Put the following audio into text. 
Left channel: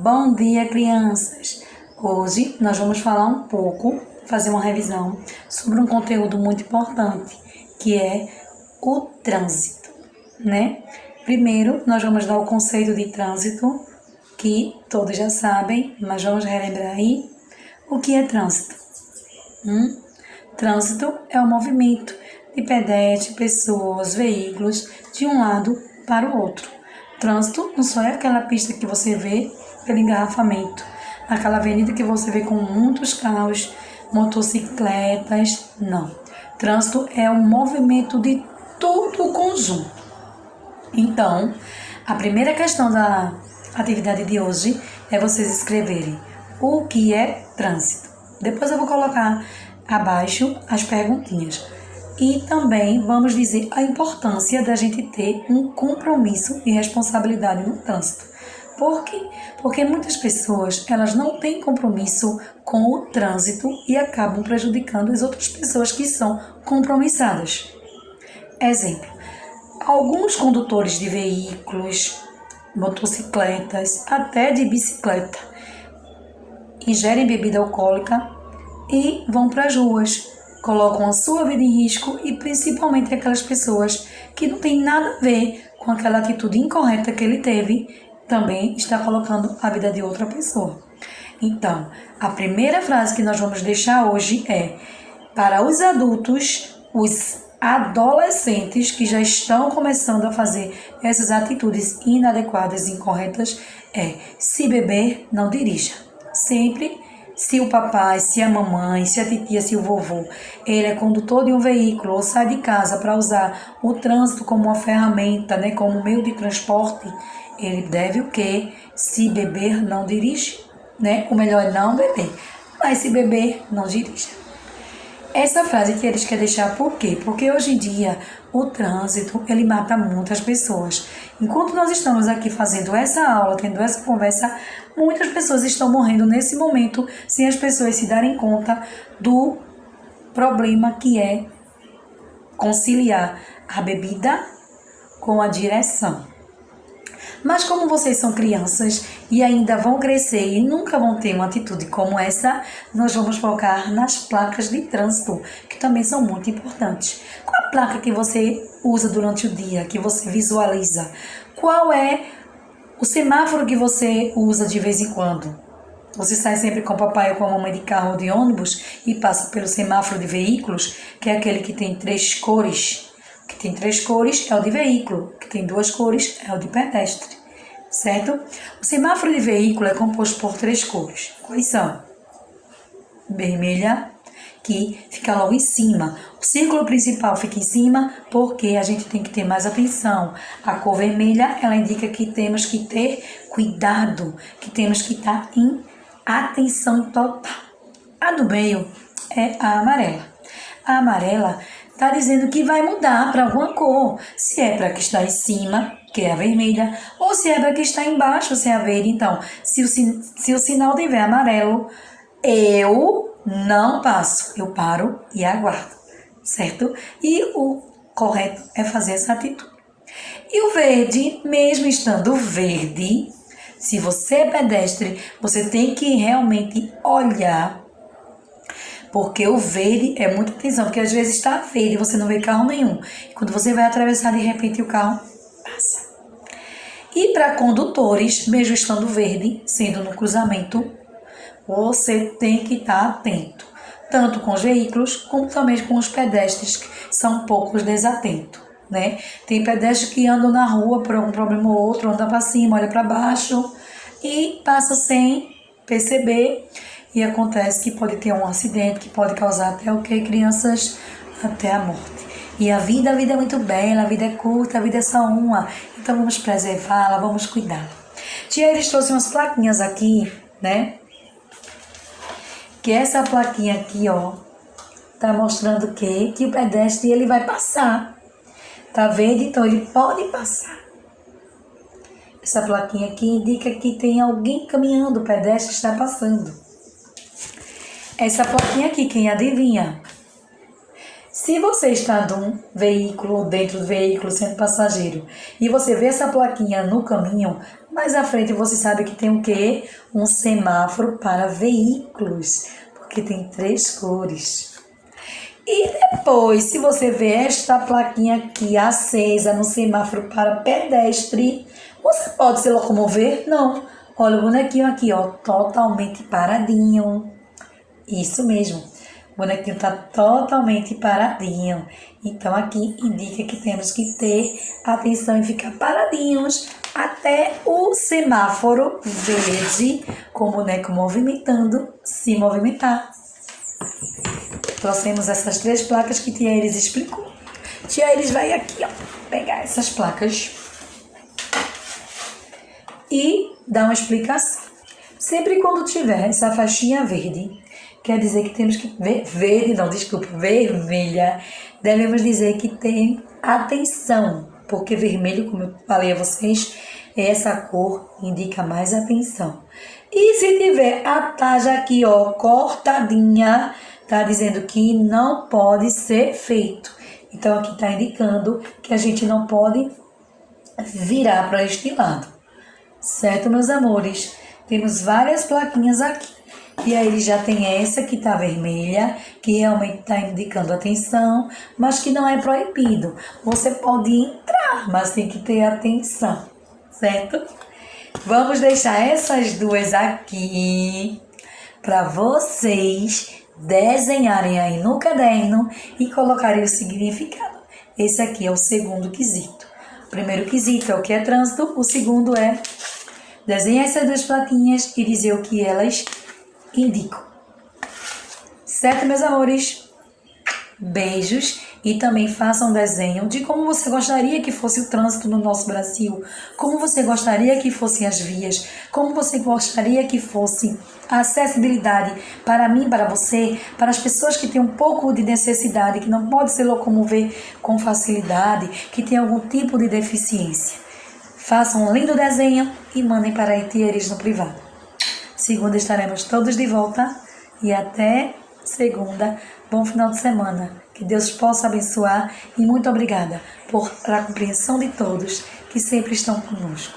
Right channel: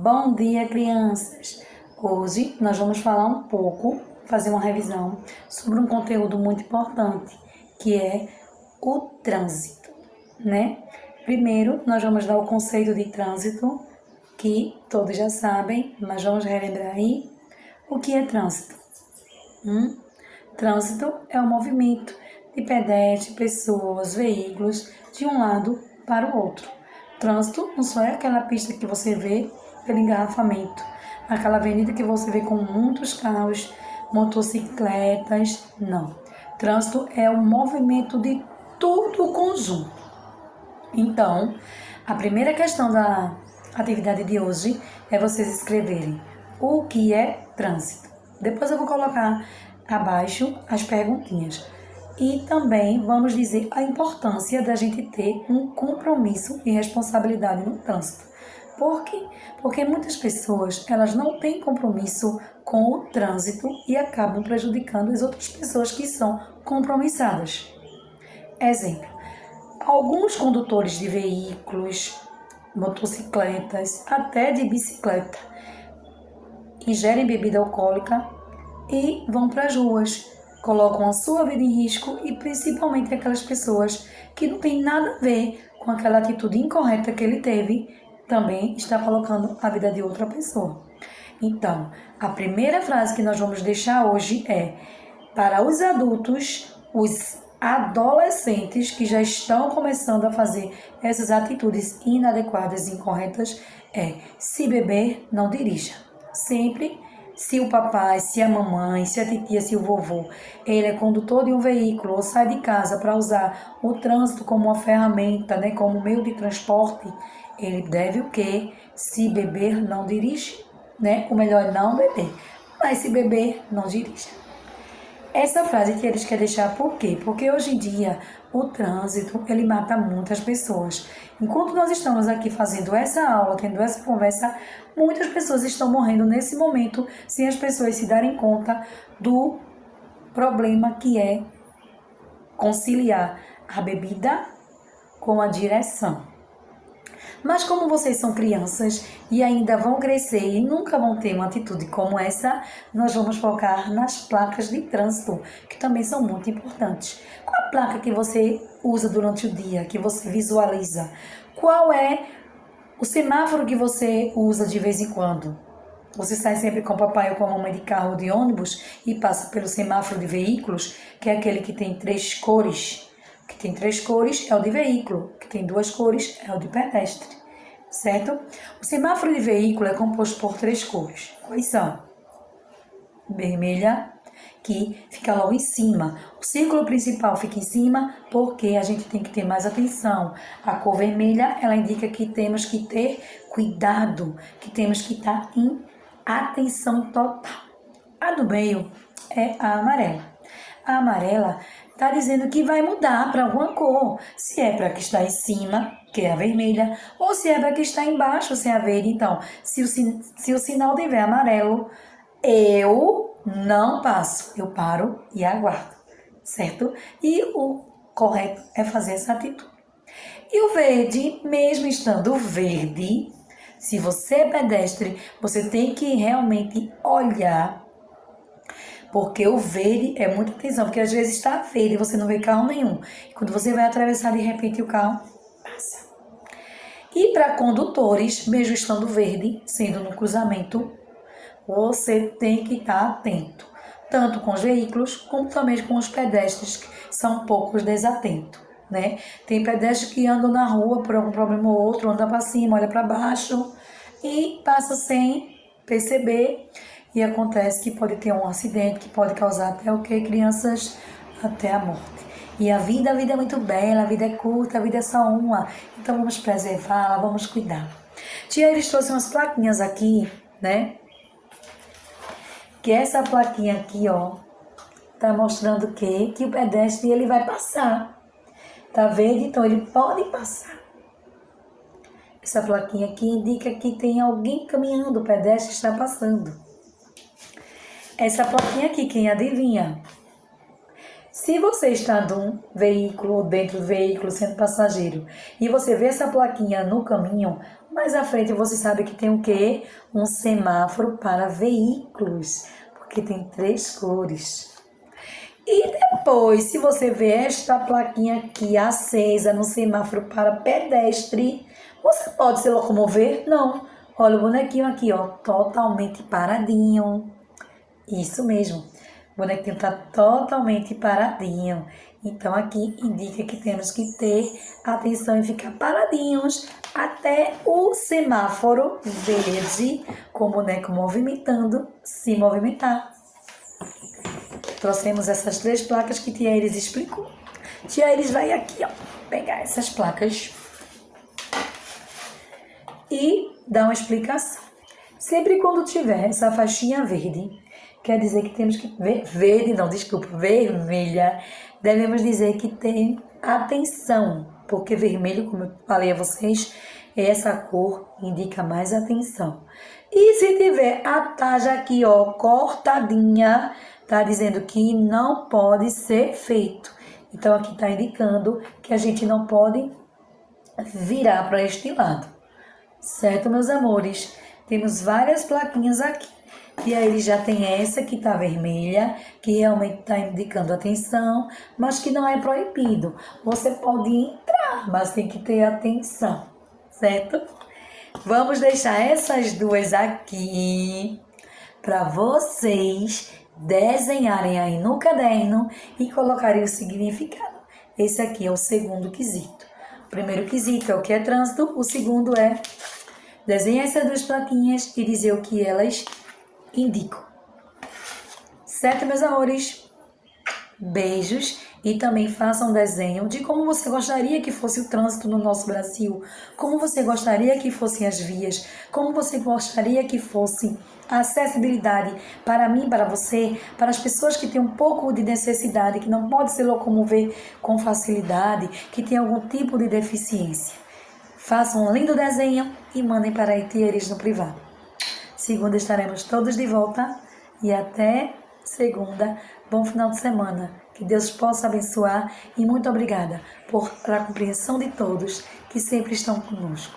Bom dia, crianças! Hoje nós vamos falar um pouco, fazer uma revisão sobre um conteúdo muito importante, que é o trânsito, né? Primeiro, nós vamos dar o conceito de trânsito, que todos já sabem, mas vamos relembrar aí o que é trânsito. Trânsito é o movimento de pedestres, pessoas, veículos de um lado para o outro. Trânsito não só é aquela pista que você vê pelo engarrafamento, aquela avenida que você vê com muitos carros, motocicletas, não. Trânsito é o movimento de todo o conjunto. Então, a primeira questão da atividade de hoje é vocês escreverem o que é trânsito. Depois eu vou colocar abaixo as perguntinhas. E também vamos dizer a importância da gente ter um compromisso e responsabilidade no trânsito. Por quê? Porque muitas pessoas, elas não têm compromisso com o trânsito e acabam prejudicando as outras pessoas que são compromissadas. Exemplo, alguns condutores de veículos, motocicletas, até de bicicleta, ingerem bebida alcoólica e vão para as ruas, colocam a sua vida em risco e principalmente aquelas pessoas que não tem nada a ver com aquela atitude incorreta que ele teve, também está colocando a vida de outra pessoa. Então, a primeira frase que nós vamos deixar hoje é: para os adultos, os adolescentes que já estão começando a fazer essas atitudes inadequadas e incorretas, se beber, não dirija. Sempre, se o papai, se a mamãe, se a titia, se o vovô, ele é condutor de um veículo ou sai de casa para usar o trânsito como uma ferramenta, né, como meio de transporte, ele deve o quê? Se beber, não dirige, né? O melhor é não beber, mas se beber, não dirija. Essa frase que eles querem deixar por quê? Porque hoje em dia o trânsito, ele mata muitas pessoas. Enquanto nós estamos aqui fazendo essa aula, tendo essa conversa, muitas pessoas estão morrendo nesse momento sem as pessoas se darem conta do problema que é conciliar a bebida com a direção. Mas como vocês são crianças e ainda vão crescer e nunca vão ter uma atitude como essa, nós vamos focar nas placas de trânsito, que também são muito importantes. Qual a placa que você usa durante o dia, que você visualiza? Qual é o semáforo que você usa de vez em quando? Você sai sempre com o papai ou com a mamãe de carro ou de ônibus e passa pelo semáforo de veículos, que é aquele que tem 3 cores. Que tem 3 cores é o de veículo, que tem 2 cores é o de pedestre, certo? O semáforo de veículo é composto por 3 cores. Quais são? Vermelha, que fica logo em cima. O círculo principal fica em cima porque a gente tem que ter mais atenção. A cor vermelha, ela indica que temos que ter cuidado, que temos que estar em atenção total. A do meio é a amarela. A amarela está dizendo que vai mudar para alguma cor. Se é para que está em cima, que é a vermelha, ou se é para que está embaixo, se é a verde. Então, se o sinal tiver amarelo, eu não passo. Eu paro e aguardo, certo? E o correto é fazer essa atitude. E o verde, mesmo estando verde, se você é pedestre, você tem que realmente olhar, porque o verde é muita atenção, porque às vezes está verde e você não vê carro nenhum. E quando você vai atravessar, de repente o carro passa. E para condutores, mesmo estando verde, sendo no cruzamento, você tem que estar atento, tanto com os veículos, como também com os pedestres, que são um pouco desatentos, né? Tem pedestres que andam na rua por algum problema ou outro, anda para cima, olha para baixo e passa sem perceber. E acontece que pode ter um acidente que pode causar até o que, crianças? Até a morte. E a vida é muito bela, a vida é curta, a vida é só uma. Então vamos preservá-la, vamos cuidar. Tia, eles trouxeram umas plaquinhas aqui, né? Que essa plaquinha aqui, ó, tá mostrando que o pedestre ele vai passar. Tá vendo? Então ele pode passar. Essa plaquinha aqui indica que tem alguém caminhando, o pedestre está passando. Essa plaquinha aqui, quem adivinha? Se você está num veículo, dentro do veículo, sendo passageiro, e você vê essa plaquinha no caminho, Mais à frente você sabe que tem o quê? Um semáforo para veículos, porque tem 3 cores. E depois, se você vê esta plaquinha aqui acesa no semáforo para pedestre, você pode se locomover? Não. Olha o bonequinho aqui, ó, totalmente paradinho. Isso mesmo. O bonequinho está totalmente paradinho. Então, aqui indica que temos que ter atenção e ficar paradinhos até o semáforo verde, com o boneco movimentando, se movimentar. Trouxemos essas 3 placas que Tia Iris explicou. Tia Iris vai aqui, ó, pegar essas placas e dar uma explicação. Sempre quando tiver essa faixinha verde, quer dizer que temos que vermelha, devemos dizer que tem atenção, porque vermelho, como eu falei a vocês, essa cor indica mais atenção. E se tiver a taja aqui, ó, cortadinha, tá dizendo que não pode ser feito. Então aqui tá indicando que a gente não pode virar para este lado. Certo, meus amores? Temos várias plaquinhas aqui. E aí já tem essa que tá vermelha, que realmente tá indicando atenção, mas que não é proibido. Você pode entrar, mas tem que ter atenção, certo? Vamos deixar essas 2 aqui para vocês desenharem aí no caderno e colocarem o significado. Esse aqui é o segundo quesito. O primeiro quesito é o que é trânsito, o segundo é desenhar essas 2 plaquinhas e dizer o que elas indicam. Certo, meus amores? Beijos e também façam um desenho de como você gostaria que fosse o trânsito no nosso Brasil, como você gostaria que fossem as vias, como você gostaria que fosse a acessibilidade para mim, para você, para as pessoas que têm um pouco de necessidade, que não podem se locomover com facilidade, que têm algum tipo de deficiência. Façam um lindo desenho e mandem para a Tia Iris no privado. Segunda estaremos todos de volta e até segunda. Bom final de semana. Que Deus possa abençoar e muito obrigada pela compreensão de todos que sempre estão conosco.